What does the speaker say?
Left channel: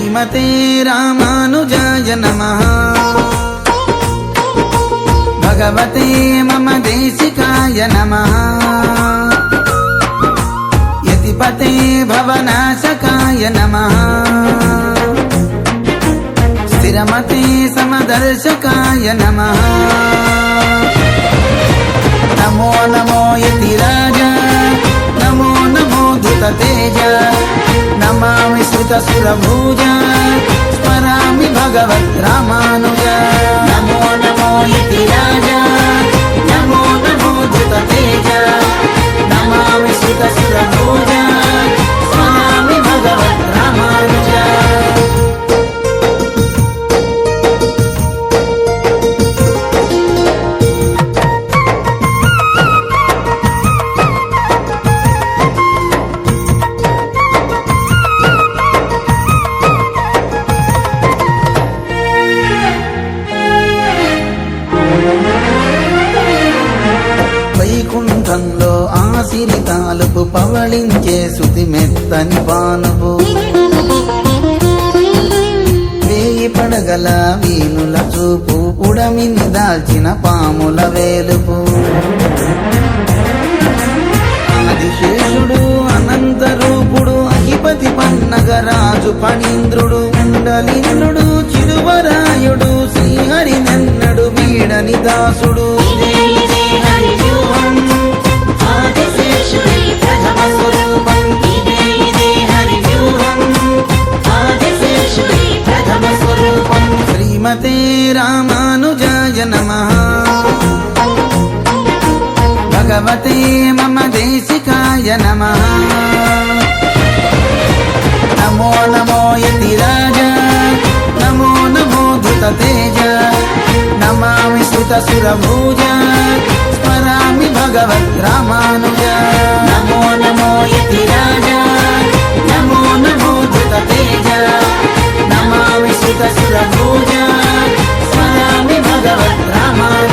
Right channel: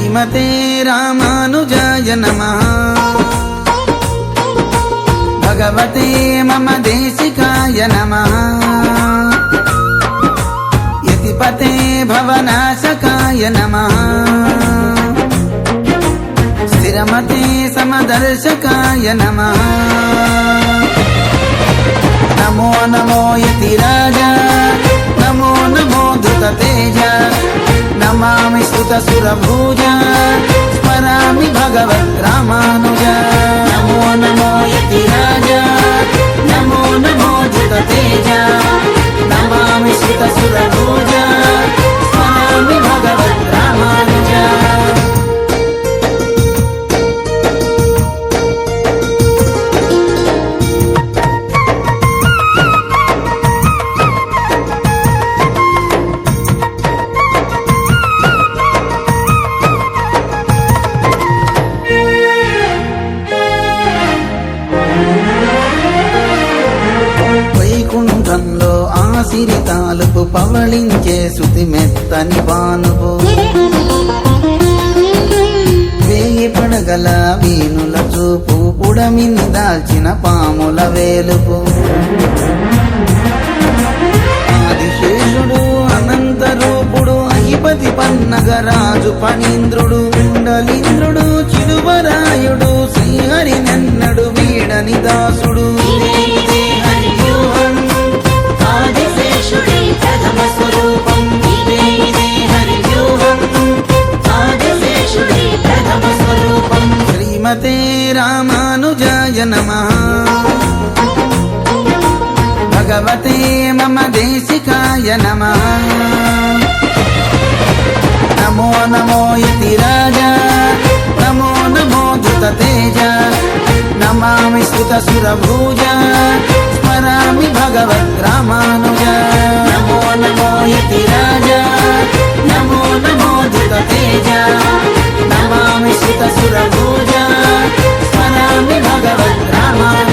శ్రీమతే రామానుజాయ నమః భగవతే మమ దేశికాయ నమః యతిపతే భవనాశకాయ నమః స్థిరమతే సమదర్శకాయ నమః నమో నమో యతిరాజ నమో నమో ధృతతేజ నమామి శ్రుతసురభుజ స్మరామి భగవద్రామానుజ నమో నమో యతిరాజ నమో నమో ధృతతేజ నమామి శ్రుతసురభుజ స్మరామి భగవద్రామానుజ వైకుంఠంలో ఆసిరి తాలుపు పవళించే శృతి మెత్తని పానుపు వేయి పడగల వీనుల చూపు పుడమిని దాల్చిన పాముల వేలుపు ఆదిశేషుడు అనంత రూపుడు అధిపతి పన్నగరాజు ఫణీంద్రుడు కుండలీంద్రుడు చిలువరాయుడు శ్రీహరి నెన్నడు వీడని దాసుడు ఆదిశేషుడి ప్రథమ స్వరూపం ఇదే హరివ్యూహం ఆదిశేషుడి ప్రథమ స్వరూపం శ్రీమతే రామానుజాయ నమః భగవతే మమ దేశికాయ నమః నమో నమో యతిరాజ నమో నమో ధృతతేజ నమామి శ్రుతసురభుజ స్మరామి భగవద్రామానుజ నమో నమో యతిరాజ నమో నమో ధృతతేజ నమామి శ్రుతసురభుజ స్మరామి భగవద్రామానుజ